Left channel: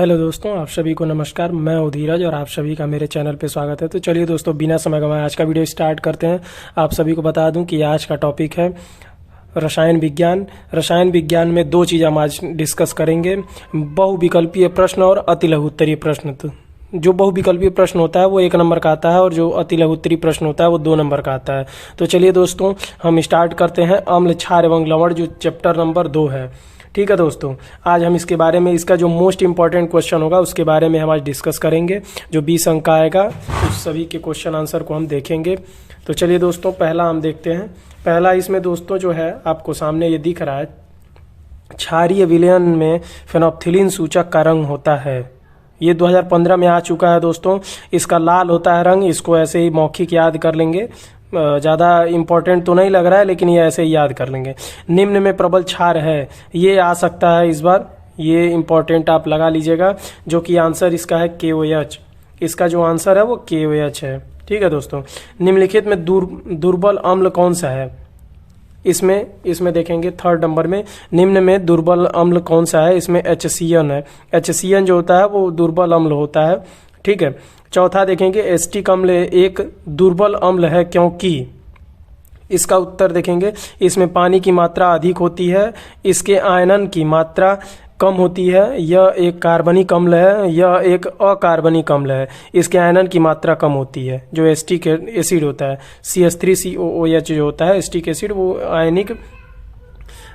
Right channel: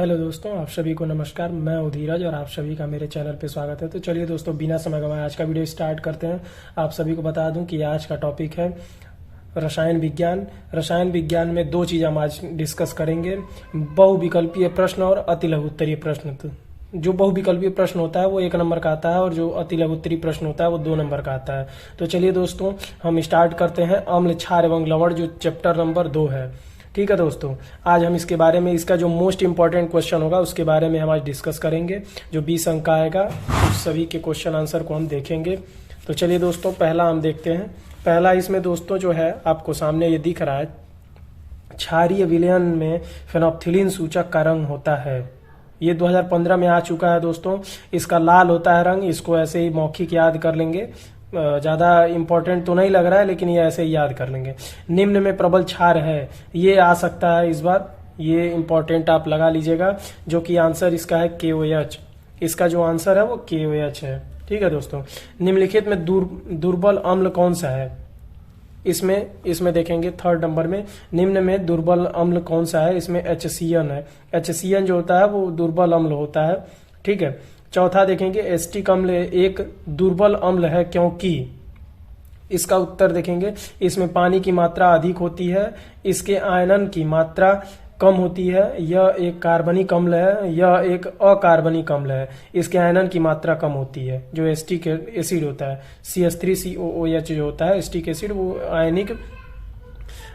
Hello दोस्तों, आप सभी को नमस्कार। मैं हूं धीरज और आप सभी का मेरे चैनल पे स्वागत है। तो चलिए दोस्तों, बिना समय गंवाए आज का वीडियो स्टार्ट करते हैं। आप सभी को बता दूं कि आज का टॉपिक है रसायन विज्ञान। रसायन विज्ञान में दो चीज़ हम आज डिस्कस करेंगे, बहुविकल्पीय प्रश्न और अतिलघुत्तरीय प्रश्न। तो जो बहुविकल्पीय प्रश्न होता है वो 1 नंबर का आता है और जो अतिलघुत्तरीय प्रश्न होता है वो 2 नंबर का आता है। तो चलिए दोस्तों, हम स्टार्ट करते हैं अम्ल, क्षार एवं लवण, जो चैप्टर नंबर 2 है। ठीक है दोस्तों, आज हम इसके बारे में, इसका जो मोस्ट इंपॉर्टेंट क्वेश्चन होगा उसके बारे में हम आज डिस्कस करेंगे। जो 20 अंक का आएगा उस सभी के क्वेश्चन आंसर को हम देखेंगे। तो चलिए दोस्तों, पहला हम देखते हैं। पहला इसमें दोस्तों जो है आपको सामने ये दिख रहा है, क्षारीय विलयन में फेनोल्फथालीन सूचक का रंग होता है। ये 2015 में आ चुका है दोस्तों। इसका लाल होता है रंग, इसको ऐसे ही मौखिक याद कर लेंगे, ज़्यादा इंपॉर्टेंट तो नहीं लग रहा है लेकिन ये ऐसे ही याद कर लेंगे। निम्न में प्रबल क्षार है, ये आ सकता है इस बार, ये इंपॉर्टेंट आप लगा लीजिएगा। जो कि आंसर इसका है KOH। इसका जो आंसर है वो KOH है। ठीक है दोस्तों, निम्नलिखित में दुर्बल अम्ल कौन सा है? इसमें देखेंगे 3rd नंबर में, निम्न में दुर्बल अम्ल कौन सा है? इसमें HCN है। HCN जो होता है वो दुर्बल अम्ल होता है। ठीक है। चौथा देखेंगे एसिटिक अम्ल एक दुर्बल अम्ल है क्योंकि, इसका उत्तर देखेंगे इसमें पानी की मात्रा अधिक होती है, इसके आयनन की मात्रा कम होती है, यह एक कार्बनिक अम्ल है, यह एक अकार्बनिक अम्ल है, इसके आयनन की मात्रा कम होती है। जो एसिटिक एसिड होता है CH3COOH जो होता है एसिटिक एसिड, वो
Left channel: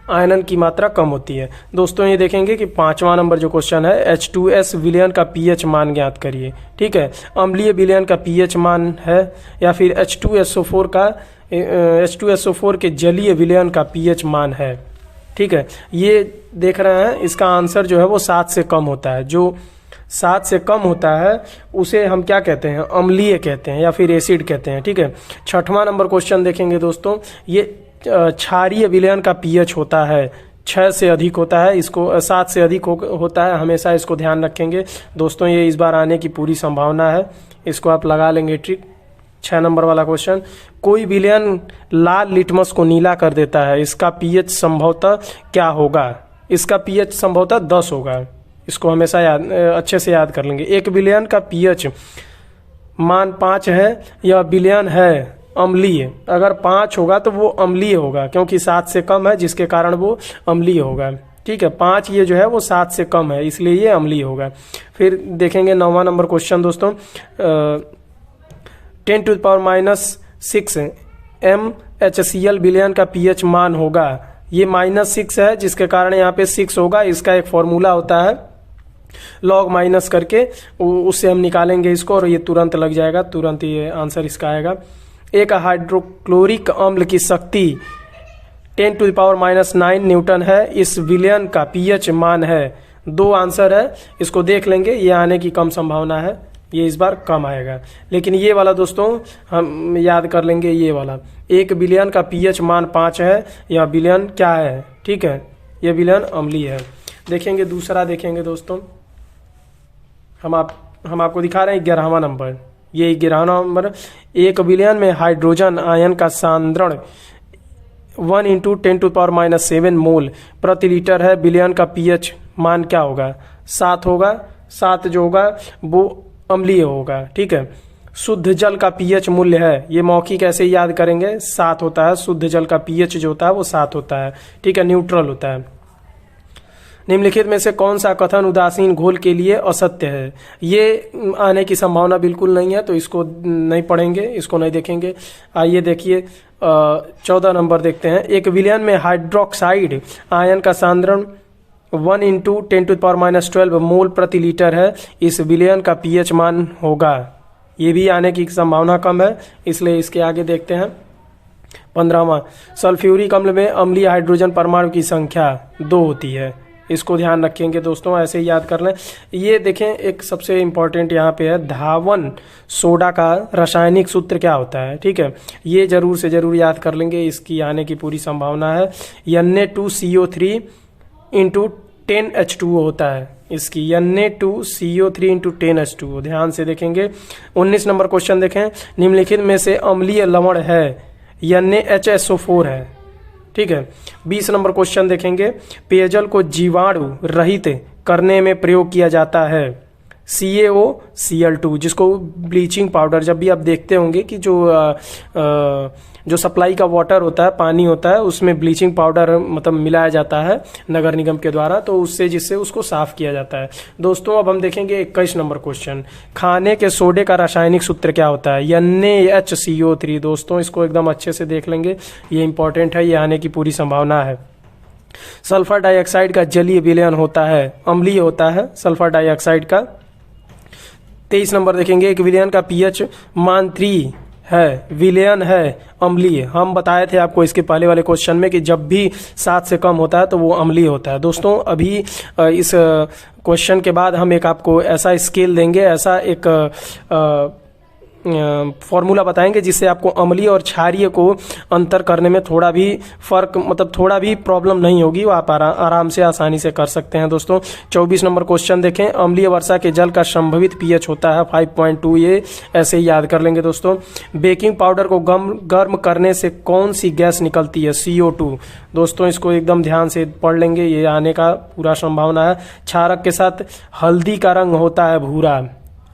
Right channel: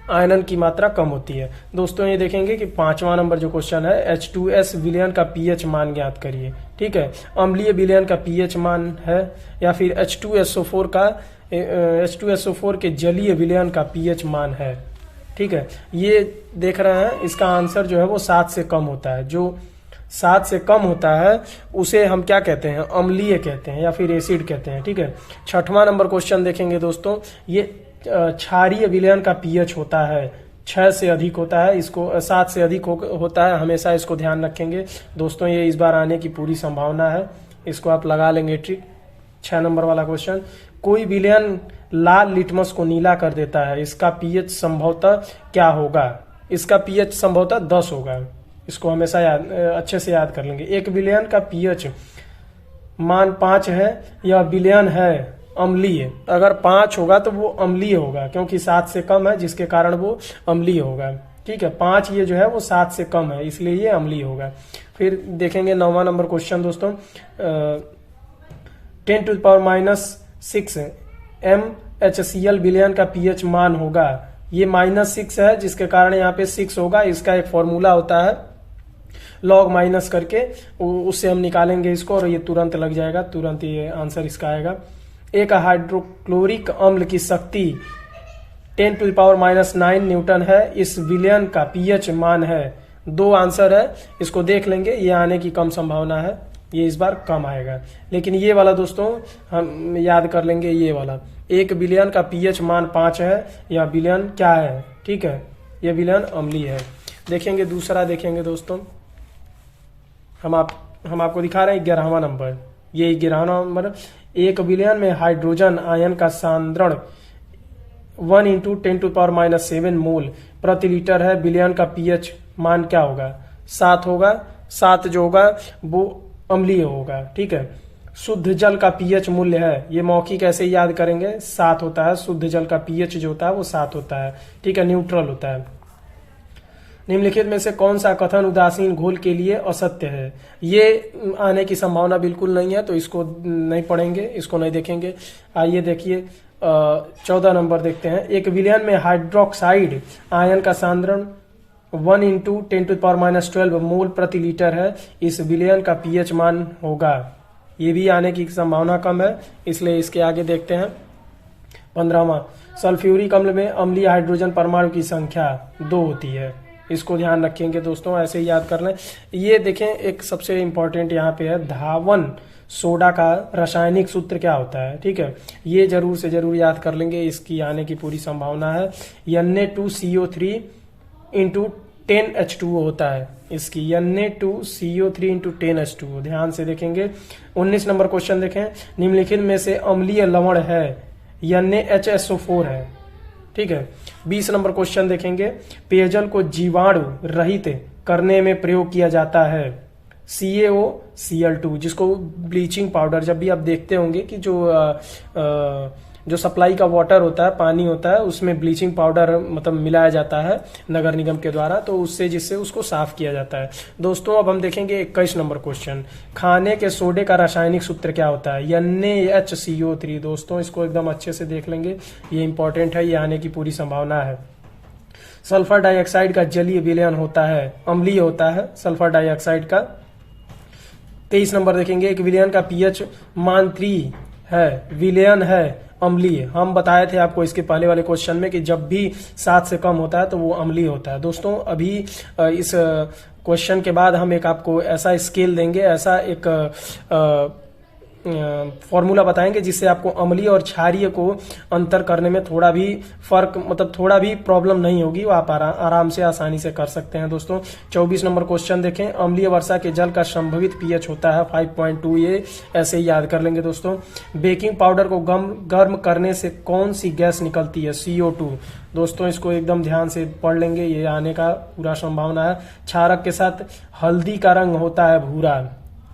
आयनन की मात्रा कम होती है। दोस्तों ये देखेंगे कि 5वां नंबर जो क्वेश्चन है, H2S विलयन का pH मान ज्ञात करिए। ठीक है, अम्लीय विलयन का pH मान है, या फिर H2SO4 के जलीय विलयन का pH मान है। ठीक है, ये देख रहे हैं, इसका आंसर जो है वो 7 से कम होता है। जो 7 से कम होता है उसे हम क्या कहते हैं? अम्लीय कहते हैं या फिर एसिड कहते हैं। ठीक है। 6वां नंबर क्वेश्चन देखेंगे दोस्तों, ये क्षारीय विलयन का pH होता है 6 से अधिक होता है, इसको 7 से अधिक होता है, हमेशा इसको ध्यान रखेंगे दोस्तों। ये इस बार आने की पूरी संभावना है, इसको आप लगा लेंगे ट्रिक। 6 नंबर वाला क्वेश्चन, कोई विलयन लाल लिटमस को नीला कर देता है, इसका pH संभवतः क्या होगा? इसका pH संभवतः 10 होगा। इसको हमेशा अच्छे से याद कर लेंगे। एक विलयन का pH मान 5 है, यह विलयन है अम्लीय। अगर 5 होगा तो वो अम्लीय होगा, क्योंकि 7 से कम है जिसके कारण वो अम्लीय होगा। ठीक है, 5 ये जो है वो 7 से कम है, इसलिए ये अम्लीय होगा। फिर देखेंगे 9वां नंबर क्वेश्चन दोस्तों, 10⁻⁻6 MHCl विलयन का pH मान होगा। ये -6 है जिसके कारण यहाँ पे 6 होगा। इसका एक फॉर्मूला होता है, लॉग माइनस करके उससे हम निकालेंगे इसको और ये तुरंत लग जाएगा, तुरंत ये आंसर इसका आएगा। एक हाइड्रोक्लोरिक अम्ल की शक्ति 10⁻⁹ न्यूटन है, इस विलयन का pH मान है। 2 आंसर है, इसको देख लेंगे, ये आने की कम संभावना है, ये इस बार कम आएगा। लेकिन ये वाला दोस्तों हम याद कर लेंगे, ये वाला एक विलयन का pH मान 5 है, यह विलयन क्या है? ठीक है, यह विलयन अम्लीय है। देखेंगे दूसरा, देखेंगे दोस्तों, हम आपको दिखा रहे हैं 11वां नंबर। ये 11वां नंबर, एक विलयन में हाइड्रोजन आयन का सांद्रण 1 × 10⁻⁷ मोल प्रति लीटर है, विलयन का pH मान क्या होगा? 7 होगा। 7 जो होगा वो अम्लीय होगा। ठीक है। शुद्ध जल का pH मूल्य है, ये मौखिक ऐसे ही याद करेंगे, 7 होता है। शुद्ध जल का pH जो होता है वो 7 होता है। ठीक है, न्यूट्रल होता है। निम्नलिखित में से कौन सा कथन उदासीन घोल के लिए असत्य है? ये आने की संभावना बिल्कुल नहीं है, तो इसको नहीं पढ़ेंगे, इसको नहीं देखेंगे। आइए देखिए 14 नंबर देखते हैं। एक विलयन में हाइड्रोक्साइड आयन का सांद्रण 1 × 10⁻⁻12 मोल प्रति लीटर है, इस विलयन का pH मान होगा। ये भी आने की संभावना कम है, इसलिए इसके आगे देखते हैं। 15वां, सल्फ्यूरिक अम्ल में अम्लीय हाइड्रोजन परमाणु की संख्या 2 होती है। इसको ध्यान रखेंगे दोस्तों, ऐसे ही याद कर लें। ये देखें, एक सबसे इंपॉर्टेंट यहाँ पे है, धावन सोडा का रासायनिक सूत्र क्या होता है? ठीक है, ये जरूर से जरूर याद कर लेंगे, इसकी आने की पूरी संभावना है। Na2CO3 × 10H2O होता है, इसकी Na2CO3 × 10H2O। ध्यान से देखेंगे। 19 नंबर क्वेश्चन देखें, निम्नलिखित में से अम्लीय लवण है, NaHSO4 है। ठीक है। 20 नंबर क्वेश्चन देखेंगे, पेयजल को जीवाणु रहित करने में प्रयोग किया जाता है? CaOCl2, जिसको ब्लीचिंग पाउडर, जब भी आप देखते होंगे कि जो सप्लाई का वाटर होता है, पानी होता है, उसमें ब्लीचिंग पाउडर मतलब मिलाया जाता है नगर निगम के द्वारा, तो उससे जिससे उसको साफ किया जाता है। दोस्तों अब हम देखेंगे 21 नंबर क्वेश्चन। खाने के सोडे का रासायनिक सूत्र क्या होता है? NaHCO3। दोस्तों इसको एकदम अच्छे से देख लेंगे, ये इंपॉर्टेंट है, ये आने की पूरी संभावना है। सल्फर डाइऑक्साइड का जलीय विलयन होता है, अम्लीय होता है सल्फर डाइऑक्साइड का। 23 नंबर देखेंगे, एक विलयन का पीएच मान 3 है, विलयन है अम्लीय। हम बताए थे आपको इसके पहले वाले क्वेश्चन में कि जब भी 7 से कम होता है तो वो अम्लीय होता है। दोस्तों अभी इस क्वेश्चन के बाद हम एक आपको ऐसा स्केल देंगे, ऐसा एक फॉर्मूला बताएंगे जिससे आपको अम्लीय और क्षारीय को अंतर करने में थोड़ा भी फर्क, मतलब थोड़ा भी प्रॉब्लम नहीं होगी, वो आप आराम से आसानी से कर सकते हैं। दोस्तों 24 नंबर क्वेश्चन देखें, अम्लीय वर्षा के जल का संभवित पीएच होता है 5.2। ये ऐसे ही याद कर लेंगे। दोस्तों बेकिंग पाउडर को गर्म करने से कौन सी गैस निकलती है? CO2। दोस्तों इसको एकदम ध्यान से पढ़ लेंगे, ये आने का पूरा संभावना है। क्षारक के साथ हल्दी का रंग होता है भूरा,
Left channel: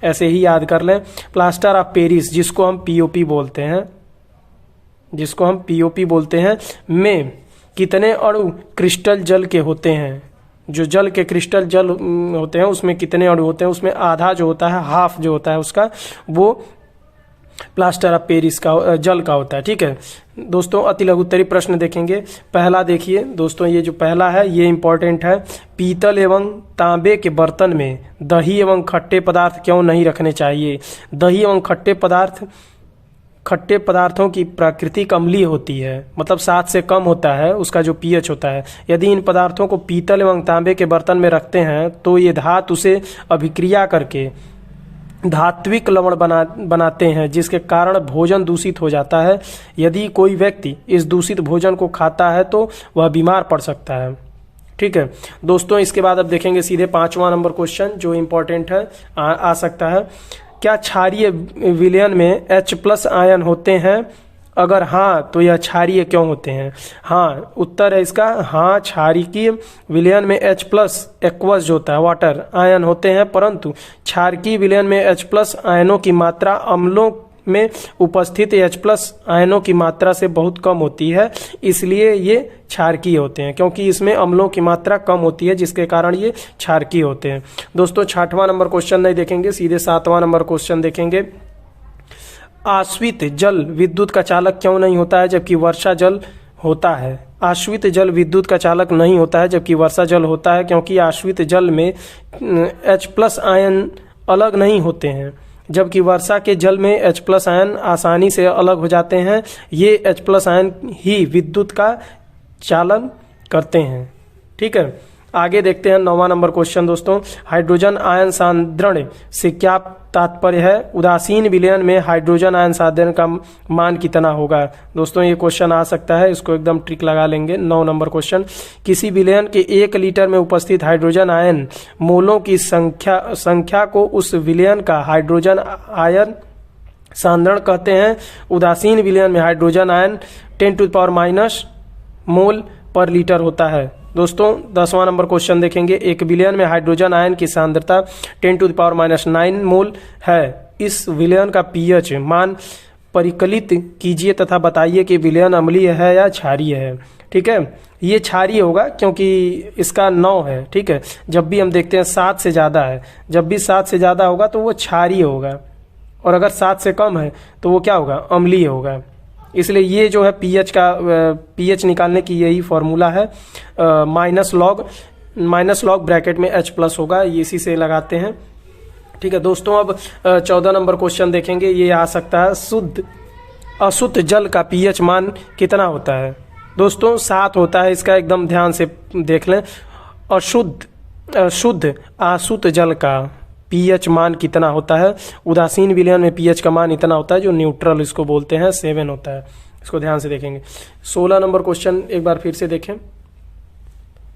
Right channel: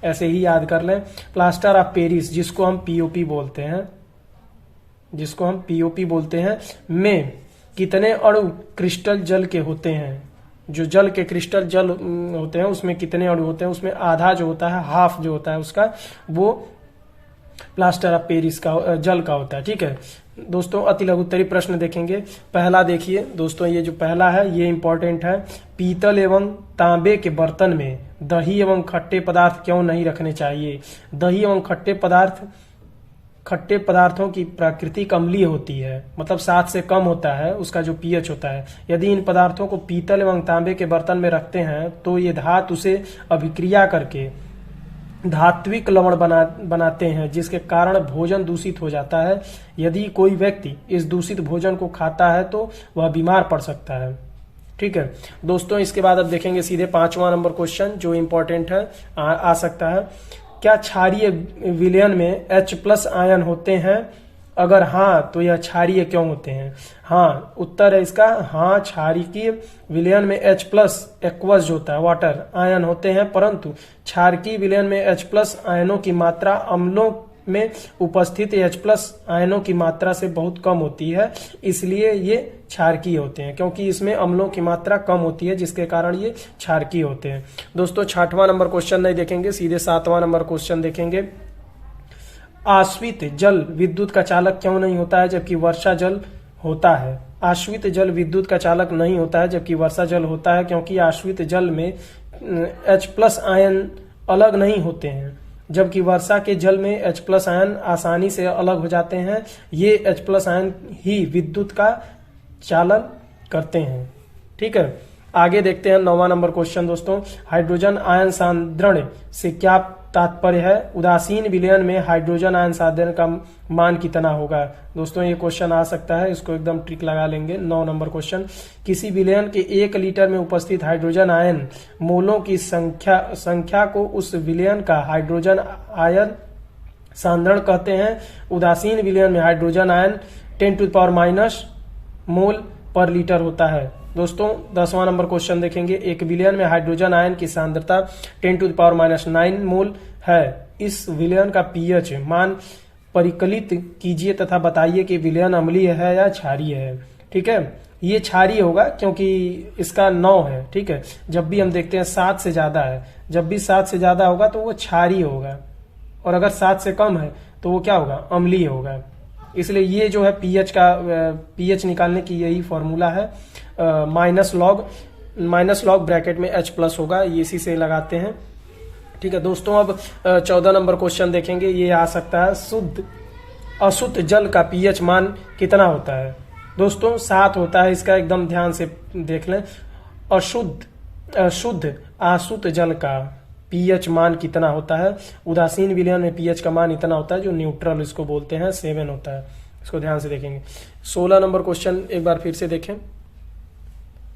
ऐसे ही याद कर लें। प्लास्टर ऑफ पेरिस, जिसको हम POP बोलते हैं, में कितने अणु क्रिस्टल जल के होते हैं? जो जल के क्रिस्टल जल होते हैं उसमें कितने अणु होते हैं? उसमें आधा जो होता है, हाफ जो होता है उसका, वो प्लास्टर ऑफ पेरिस का जल का होता है। ठीक है दोस्तों, अति लघुत्तरी प्रश्न देखेंगे। पहला देखिए दोस्तों, ये जो पहला है ये इंपॉर्टेंट है। पीतल एवं तांबे के बर्तन में दही एवं खट्टे पदार्थ क्यों नहीं रखने चाहिए? दही एवं खट्टे पदार्थों की प्रकृति अम्लीय होती है, मतलब 7 से कम होता है उसका जो पीएच होता है। यदि इन पदार्थों को पीतल एवं तांबे के बर्तन में रखते हैं तो ये धातु से अभिक्रिया करके धात्विक लवण बनाते हैं, जिसके कारण भोजन दूषित हो जाता है। यदि कोई व्यक्ति इस दूषित भोजन को खाता है तो वह बीमार पड़ सकता है। ठीक है दोस्तों, इसके बाद अब देखेंगे सीधे 5वां नंबर क्वेश्चन जो इंपॉर्टेंट है, आ सकता है। क्या क्षारीय विलयन में H+ आयन होते हैं? अगर हाँ तो यह क्षारीय क्यों होते हैं? हाँ उत्तर है इसका, हाँ क्षारीय विलयन में H+ एक्वस जो होता है वाटर आयन होते हैं, परंतु क्षारकीय विलयन में H+ आयनों की मात्रा अम्लों में उपस्थित H+ आयनों की मात्रा से बहुत कम होती है, इसलिए ये क्षारकीय होते हैं, क्योंकि इसमें अम्लों की मात्रा कम होती है जिसके कारण ये क्षारकीय होते हैं। दोस्तों 6वां नंबर क्वेश्चन नहीं देखेंगे, सीधे 7वां नंबर क्वेश्चन देखेंगे। आश्रित जल विद्युत का चालक क्यों नहीं होता है जबकि वर्षा जल होता है? आश्रित जल विद्युत का चालक नहीं होता है जबकि वर्षा जल होता है, क्योंकि आश्रित जल में H+ आयन अलग नहीं होते हैं, जबकि वर्षा के जल में H+ आयन आसानी से अलग हो जाते हैं। ये H+ आयन ही विद्युत का चालन करते हैं। ठीक है, आगे देखते हैं 9वां नंबर क्वेश्चन। दोस्तों हाइड्रोजन आयन सांद्रण से क्या तात्पर्य है? उदासीन विलयन में हाइड्रोजन आयन सांद्रण का मान कितना होगा? दोस्तों ये क्वेश्चन आ सकता है, इसको एकदम ट्रिक लगा लेंगे। 9 नंबर क्वेश्चन, किसी विलयन के 1 लीटर में उपस्थित हाइड्रोजन आयन मोलों की संख्या को उस विलयन का हाइड्रोजन आयन सांद्रण कहते हैं। उदासीन विलयन में हाइड्रोजन आयन 10⁻⁻⁻ मोल पर लीटर होता है। दोस्तों 10वां नंबर क्वेश्चन देखेंगे। एक विलयन में हाइड्रोजन आयन की सांद्रता 10⁻⁹ मोल है। इस विलयन का पीएच मान परिकलित कीजिए तथा बताइए कि विलयन अम्लीय है या क्षारीय है। ठीक है, ये क्षारीय होगा क्योंकि इसका 9 है। ठीक है, जब भी हम देखते हैं 7 से ज्यादा है, जब भी 7 से ज्यादा होगा तो वो क्षारीय होगा, और अगर 7 से कम है तो वो क्या होगा? अम्लीय होगा। इसलिए ये जो है पीएच निकालने की यही फॉर्मूला है। माइनस लॉग ब्रैकेट में H+ होगा, ये इसी से लगाते हैं। ठीक है दोस्तों, अब 14 नंबर क्वेश्चन देखेंगे। ये आ सकता है, अशुद्ध जल का पीएच मान कितना होता है? दोस्तों 7 होता है इसका, एकदम ध्यान से देख लें। शुद्ध अशुद्ध जल का पीएच मान कितना होता है? उदासीन विलयन में पीएच का मान इतना होता है, जो न्यूट्रल इसको बोलते हैं, 7 होता है। इसको ध्यान से देखेंगे। 16 नंबर क्वेश्चन एक बार फिर से देखें।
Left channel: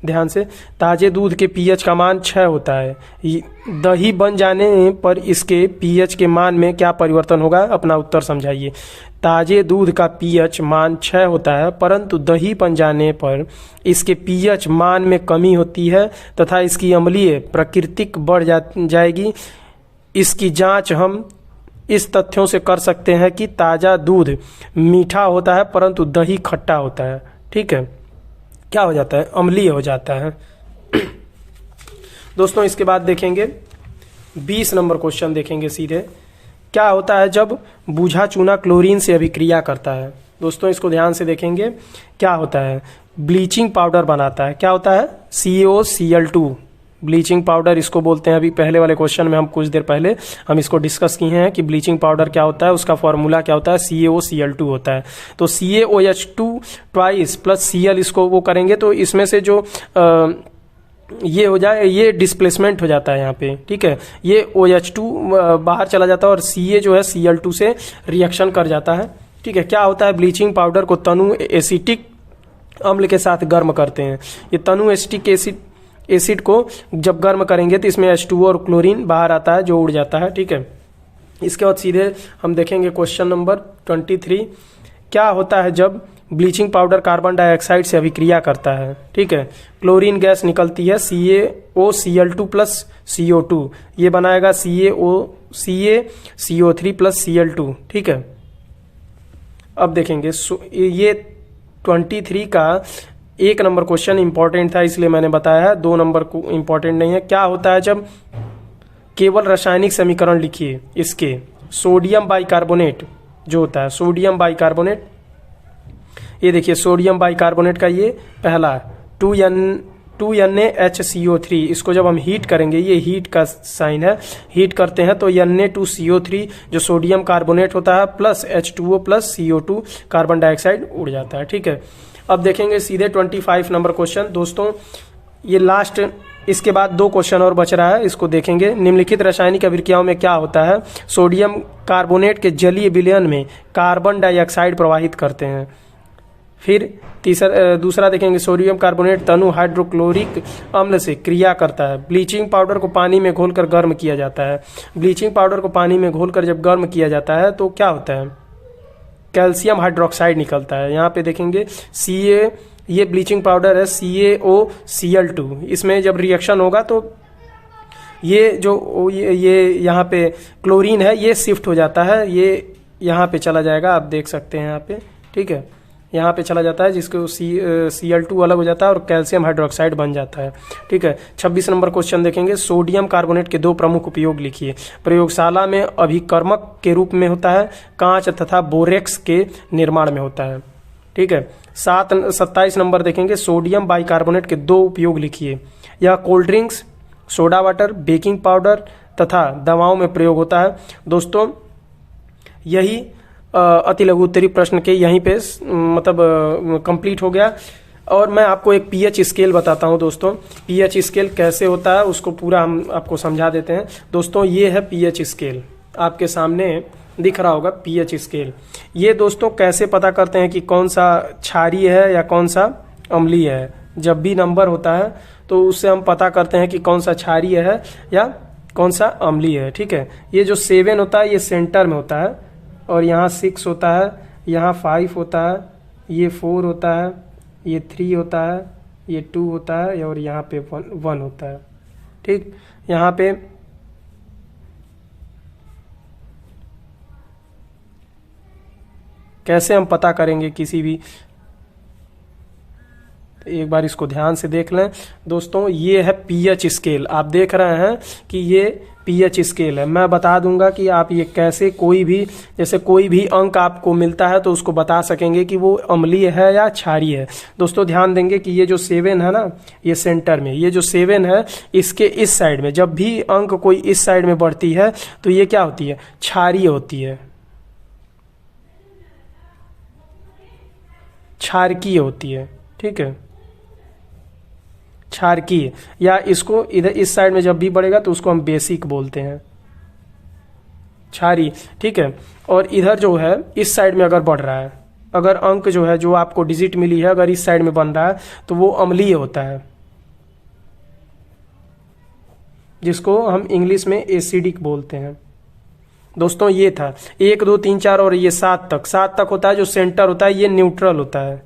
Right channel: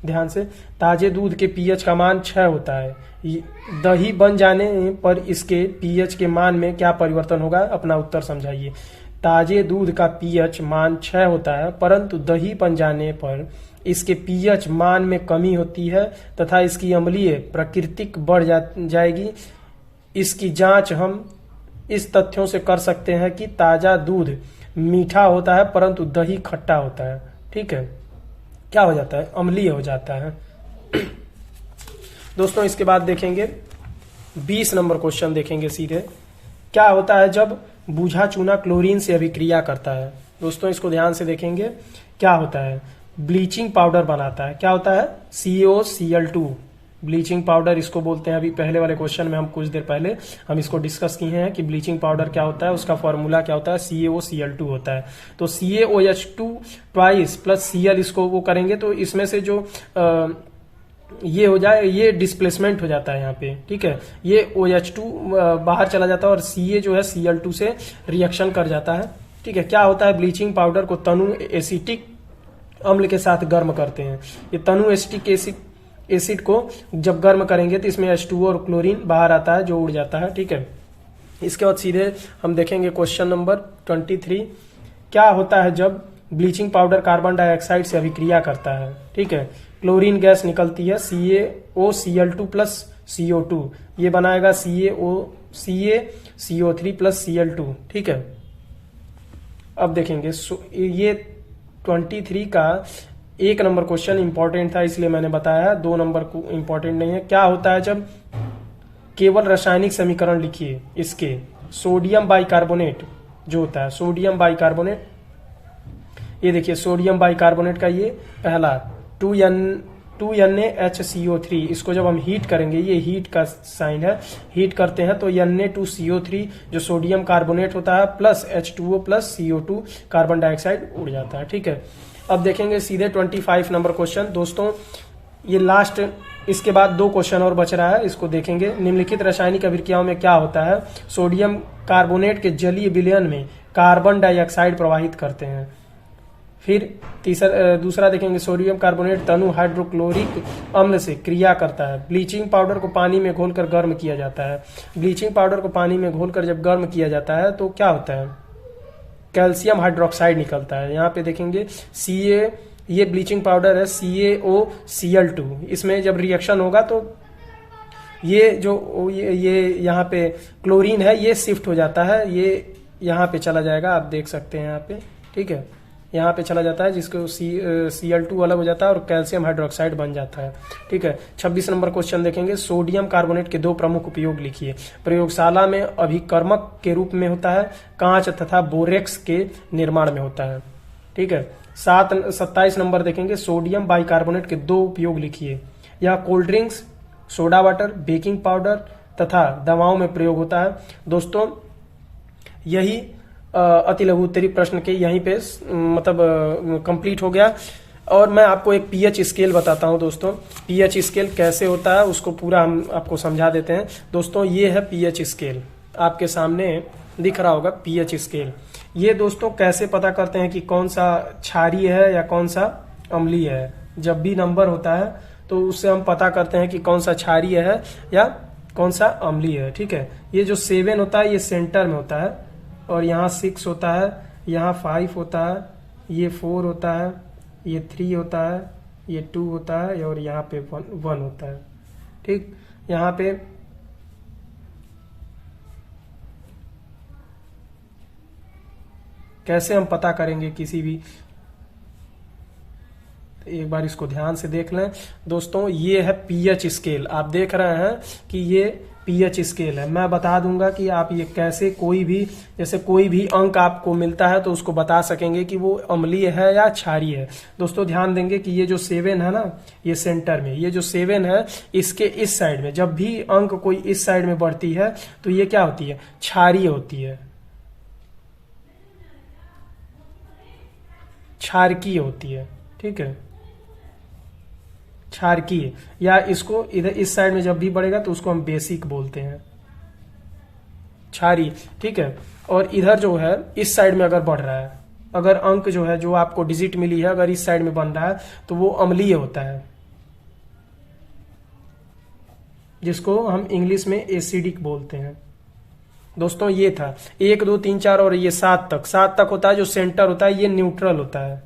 ध्यान से। ताजे दूध के पीएच का मान 6 होता है। दही बन जाने पर इसके पीएच के मान में क्या परिवर्तन होगा? अपना उत्तर समझाइए। ताजे दूध का पीएच मान 6 होता है, परंतु दही बन जाने पर इसके पीएच मान में कमी होती है तथा इसकी अम्लीय प्रकृतिक बढ़ जाएगी। इसकी जांच हम इस तथ्यों से कर सकते हैं कि ताजा दूध मीठा होता है परंतु दही खट्टा होता है। ठीक है, क्या हो जाता है? अम्लीय हो जाता है। दोस्तों इसके बाद देखेंगे 20 नंबर क्वेश्चन देखेंगे सीधे। क्या होता है जब बूझा चूना क्लोरीन से अभिक्रिया करता है? दोस्तों इसको ध्यान से देखेंगे। क्या होता है? ब्लीचिंग पाउडर बनाता है। क्या होता है? CaOCl2 ब्लीचिंग पाउडर इसको बोलते हैं। अभी पहले वाले क्वेश्चन में हम कुछ देर पहले हम इसको डिस्कस किए हैं कि ब्लीचिंग पाउडर क्या होता है, उसका फॉर्मूला क्या होता है, CaOCl2 होता है। तो CaOH2 ट्वाइस प्लस Cl इसको वो करेंगे तो इसमें से जो ये हो जाए, ये डिस्प्लेसमेंट हो जाता है यहाँ पे। ठीक है, ये OH2 बाहर चला जाता है और Ca जो है Cl2 से रिएक्शन कर जाता है। ठीक है, क्या होता है? ब्लीचिंग पाउडर को तनु एसिटिक अम्ल के साथ गर्म करते हैं। ये तनु एसिटिक एसिड को जब गर्म करेंगे तो इसमें H2O और क्लोरीन बाहर आता है जो उड़ जाता है। ठीक है, इसके बाद सीधे हम देखेंगे क्वेश्चन नंबर 23। क्या होता है जब ब्लीचिंग पाउडर कार्बन डाइऑक्साइड से अभिक्रिया करता है? ठीक है, क्लोरीन गैस निकलती है CaOCl2 प्लस CO2, ये बनाएगा CaCO3 प्लस Cl2। ठीक है, अब देखेंगे ये 23 का 1 नंबर क्वेश्चन इंपॉर्टेंट था इसलिए मैंने बताया है, 2 नंबर को इंपॉर्टेंट नहीं है। क्या होता है जब केवल रासायनिक समीकरण लिखिए इसके, सोडियम बाइकार्बोनेट जो होता है, सोडियम बाइकार्बोनेट, ये देखिए सोडियम बाइकार्बोनेट का ये पहला 2NaHCO3, इसको जब हम हीट करेंगे, ये हीट का साइन है, हीट करते हैं तो Na2CO3 जो सोडियम कार्बोनेट होता है plus H2O plus CO2 carbon dioxide उड़ जाता है। ठीक है, अब देखेंगे सीधे 25 नंबर क्वेश्चन। दोस्तों ये लास्ट, इसके बाद 2 क्वेश्चन और बच रहा है, इसको देखेंगे। निम्नलिखित रासायनिक अभिक्रियाओं में क्या होता है? सोडियम कार्बोनेट के जलीय विलयन में कार्बन डाइऑक्साइड प्रवाहित करते हैं। फिर दूसरा देखेंगे, सोडियम कार्बोनेट तनु हाइड्रोक्लोरिक अम्ल से क्रिया करता है। ब्लीचिंग पाउडर को पानी में घोलकर गर्म किया जाता है। ब्लीचिंग पाउडर को पानी में घोलकर जब गर्म किया जाता है तो क्या होता है? कैल्शियम हाइड्रोक्साइड निकलता है। यहाँ पे देखेंगे ये ब्लीचिंग पाउडर है CaOCl2, इसमें जब रिएक्शन होगा तो ये जो ये यहाँ पे क्लोरीन है ये शिफ्ट हो जाता है, ये यहाँ पे चला जाएगा, आप देख सकते हैं यहाँ पे। ठीक है, यहाँ पे चला जाता है जिसको Cl2 अलग हो जाता है और कैल्शियम हाइड्रोक्साइड बन जाता है। ठीक है, 26 नंबर क्वेश्चन देखेंगे। सोडियम कार्बोनेट के 2 प्रमुख उपयोग लिखिए। प्रयोगशाला में अभिकर्मक के रूप में होता है, कांच तथा बोरेक्स के निर्माण में होता है। ठीक है, 27 नंबर देखेंगे। सोडियम बाइकार्बोनेट के 2 उपयोग लिखिए। यह cold drinks, soda water, baking powder तथा दवाओं में प्रयोग होता है। दोस्तों यही अति लघु उत्तरीय प्रश्न के यहीं पे मतलब कंप्लीट हो गया। और मैं आपको एक पीएच स्केल बताता हूं दोस्तों, पीएच स्केल कैसे होता है उसको पूरा हम आपको समझा देते हैं। दोस्तों ये है पीएच स्केल, आपके सामने दिख रहा होगा पीएच स्केल। ये दोस्तों कैसे पता करते हैं कि कौन सा क्षारीय है या कौन सा अम्लीय है? जब भी नंबर होता है तो उससे हम पता करते हैं कि कौन सा क्षारीय है या कौन सा अम्लीय है। ठीक है, ये जो 7 होता है ये सेंटर में होता है और यहाँ 6 होता है, यहाँ 5 होता है, ये 4 होता है, ये 3 होता है, ये 2 होता है और यहाँ पे 1 होता है। ठीक, यहाँ पे कैसे हम पता करेंगे किसी भी, एक बार इसको ध्यान से देख लें दोस्तों। ये है पीएच स्केल, आप देख रहे हैं कि ये पीएच स्केल है। मैं बता दूंगा कि आप ये कैसे कोई भी, जैसे कोई भी अंक आपको मिलता है तो उसको बता सकेंगे कि वो अम्लीय है या क्षारीय है। दोस्तों ध्यान देंगे कि ये जो 7 है ना, ये सेंटर में, ये जो 7 है इसके इस साइड में जब भी अंक कोई इस साइड में बढ़ती है तो ये क्या होती है? क्षारीय होती है, क्षारकीय होती है। ठीक है, क्षारकीय, या इसको इधर इस साइड में जब भी बढ़ेगा तो उसको हम बेसिक बोलते हैं, क्षारीय। ठीक है, और इधर जो है इस साइड में अगर बढ़ रहा है, अगर अंक जो है जो आपको डिजिट मिली है अगर इस साइड में बन रहा है तो वो अम्लीय होता है। जिसको हम इंग्लिश में एसिडिक बोलते हैं। दोस्तों ये था 1 2 3 4 और ये 7 तक होता है जो सेंटर होता है, ये न्यूट्रल होता है,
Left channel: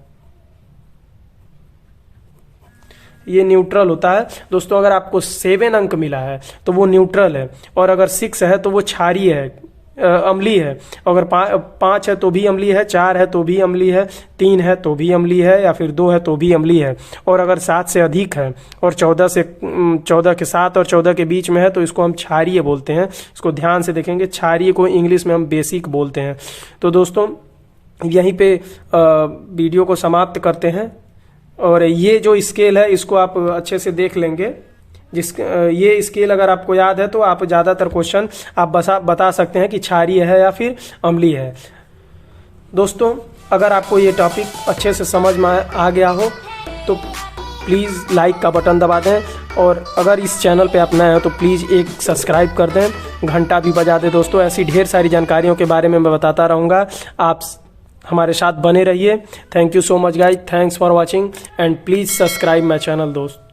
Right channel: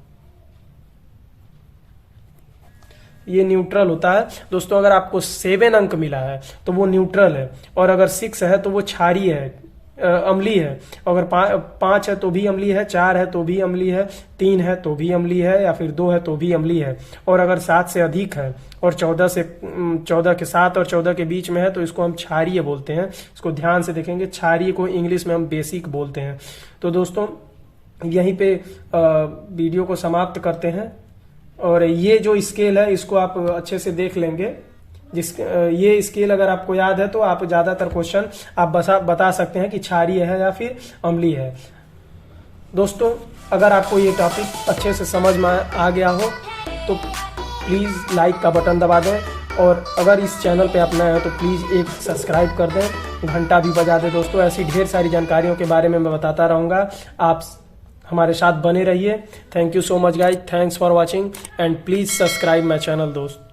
ये न्यूट्रल होता है। दोस्तों अगर आपको 7 अंक मिला है तो वो न्यूट्रल है, और अगर 6 है तो वो क्षारीय है, अम्लीय है। अगर 5 है तो भी अम्लीय है, 4 है तो भी अम्लीय है, 3 है तो भी अम्लीय है, या फिर 2 है तो भी अम्लीय है। और अगर 7 से अधिक है और 14 के 7 और 14 के बीच में है तो इसको हम क्षारीय बोलते हैं। इसको ध्यान से देखेंगे, क्षारीय को इंग्लिश में हम बेसिक बोलते हैं। तो दोस्तों यहीं पे वीडियो को समाप्त करते हैं, और ये जो स्केल है इसको आप अच्छे से देख लेंगे। ये स्केल अगर आपको याद है तो आप ज्यादातर क्वेश्चन आप बता सकते हैं कि क्षारीय है या फिर अम्लीय है। दोस्तों अगर आपको ये टॉपिक अच्छे से समझ में आ गया हो तो प्लीज़ लाइक का बटन दबा दें, और अगर इस चैनल पे आप नए हैं तो प्लीज़ एक सब्सक्राइब कर दें, घंटा भी बजा दें। दोस्तों ऐसी ढेर सारी जानकारियों के बारे में मैं बताता रहूँगा, आप हमारे साथ बने रहिए। Thank you so much guys, thanks for watching and please subscribe my channel दोस्त।